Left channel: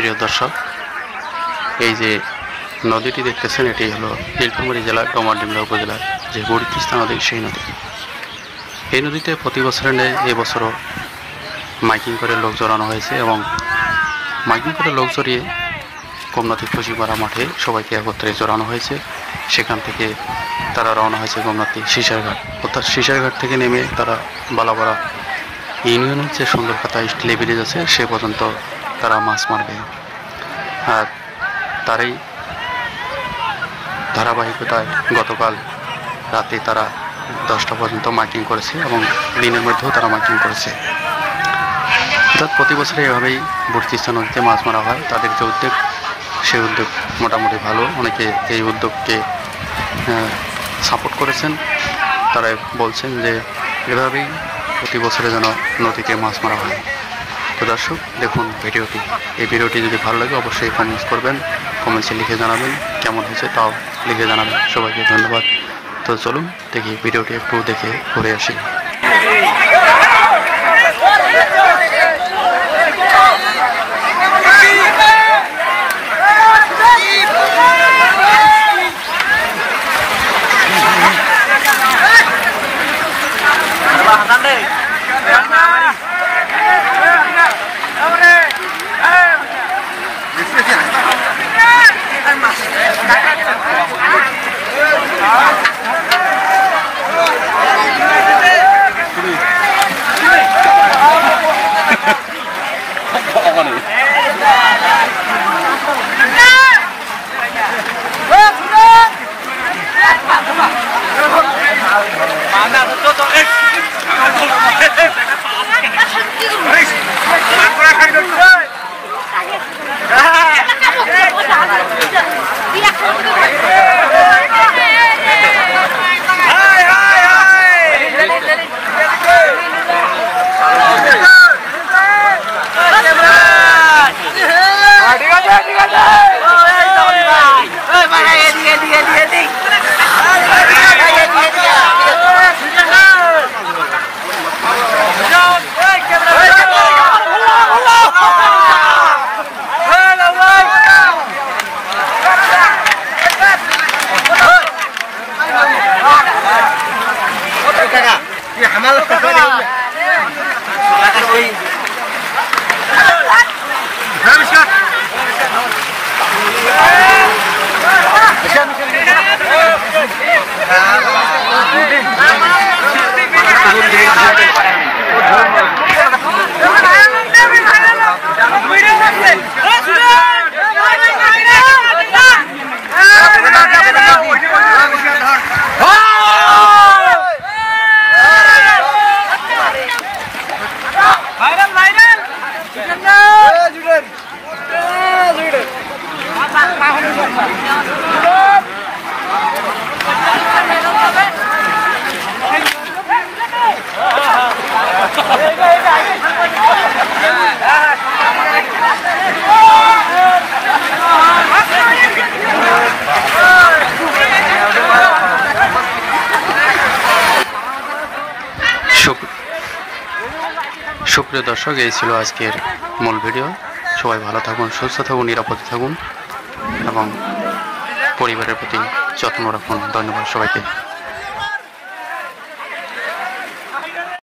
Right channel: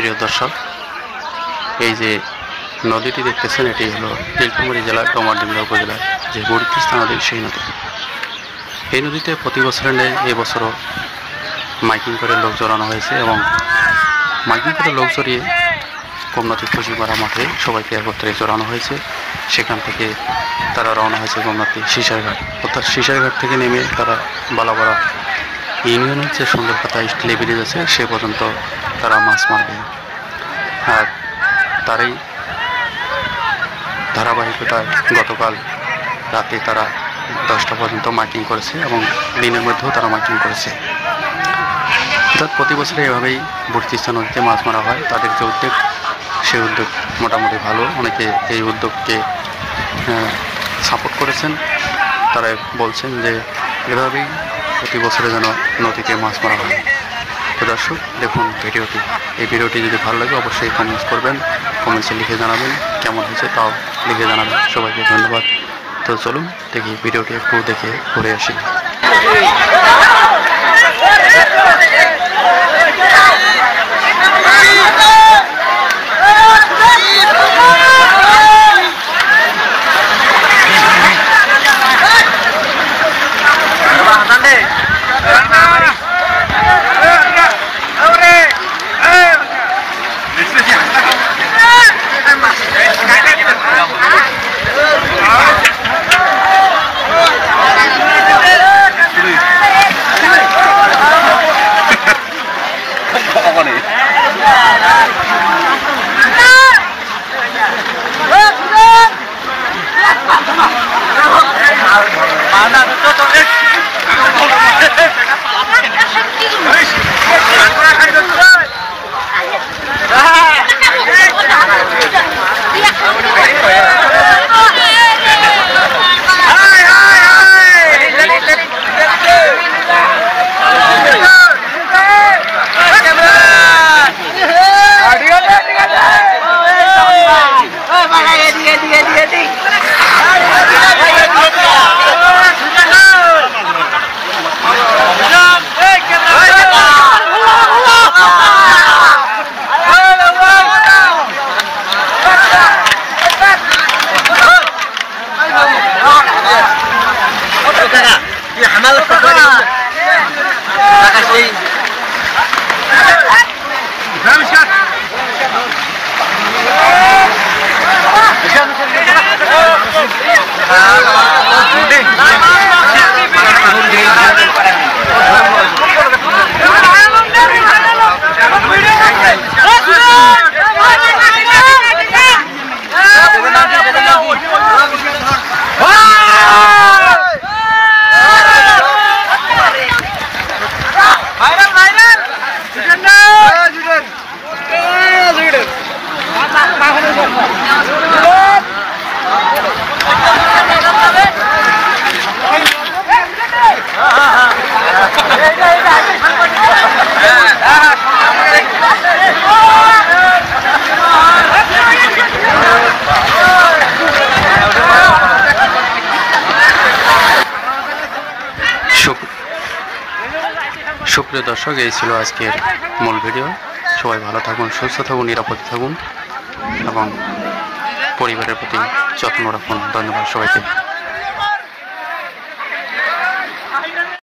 প্রিয় দর্শক, এই যে নদীটি দেখতেছেন এটি হলো নীলফামারী জেলার ডোমারডিমলা উপজেলার যে বড়িতিস্তা নদী, সেই নদী। এই নদীতে প্রতি বছরের ন্যায় এবছরও মাইকিং করে লোক জড়ানো হয়েছে এবং মাইকিং করে লোক জড়িয়ে গোমনাথী খুশিপাড়া মাঠে সবাইকে একত্রে জড়ানো হয়েছে। সেখান থেকে তারা রওনা হয়েছে গোমনাথী শিশারঘাট, অর্থাৎ শিশারঘাট থেকে নেমে তারা বালাপাড়া ইউনিয়নের যে সুন্দরখাতা স্টিলে ব্রিজ আছে সে পর্যন্ত তারা মাছ মারবে। আর তারই ধারাবাহিকতায় গতকাল রাতে তারা 10টা পর্যন্ত মাইকিং করেছে এবং দিনের মধ্যেও তারা মাইকিং করেছে। অর্থাৎ প্রতি বছরে এভাবেই বড়িতিস্তা নদীতে মাছ মারা হয়। তাদের যে উদ্যোগ, সেই উদ্যোগ মোটামুটি ভালো। অনেকে এই উদ্যোগকে সাপোর্ট করেছেন। তারা বলছেন যে এভাবেই প্রতি বছরে যেন নদীতে মাছ মারা হয়। তো দর্শক, দেখুন ভিডিওটি। এই ভিডিওটি যদি ভালো লাগে অবশ্যই কমেন্টস করবেন, কমেন্টসে লিখে জানাবেন কেমন হয়েছে, তাও লিখে জানাবেন। সবাইকে ধন্যবাদ। তো চলুন দেখি ভিডিওটি একটু দেখে ঘুরে আসি। সুপ্রিয় দর্শক, এই ছিল আজকের মূল ভিডিও। সবাই ভালো থাকুন, সুস্থ থাকুন, নিরাপদে থাকুন এবং পরিবারের প্রতি যত্ন রাখুন। ধন্যবাদ সবাইকে।